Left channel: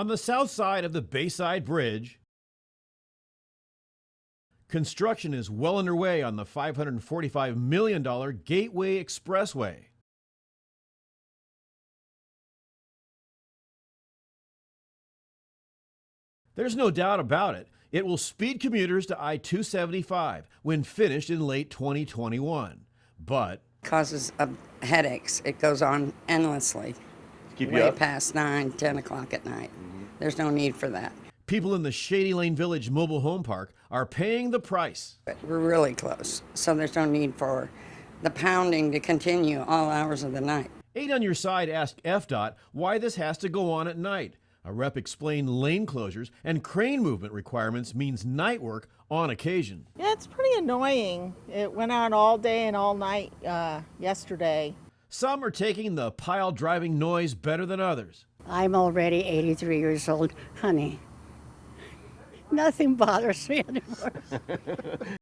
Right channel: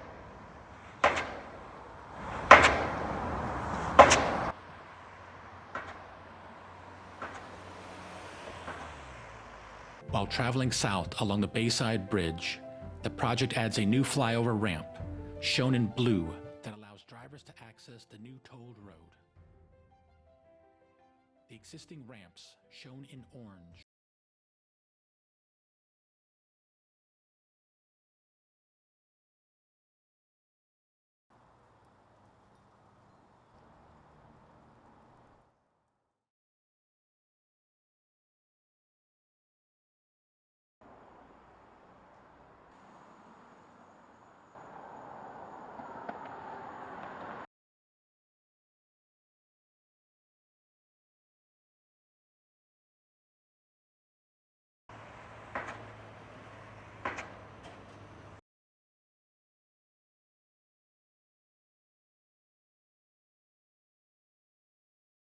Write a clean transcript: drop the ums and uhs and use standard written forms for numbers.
On the south side of the Bayside Bridge, construction is well underway on the $545 million Gateway Expressway. While traveling south along the Bayside Bridge, the project adds a new flyover ramp, shown in blue. There's no doubt about it. It will speed commuters to I-275 when finished in late 2021. But Causes headaches. It goes on endlessly, Keep you way up? past 9, 10 o'clock at night. There's no need for that. people in the Shady Lane Village mobile home park are paying the price. But we're really close, so there's no need for the pounding to continue all hours of the night. 8 on Your Side asked FDOT why this has to go on at night. A rep explained lane closures and crane movement requirements means night work on occasion. Yeah, it's pretty annoying. It went on all day and all night yesterday. Some are taking the pile driving noise better than others. I'm already 83 years old. Honey, nothing bothers me anymore.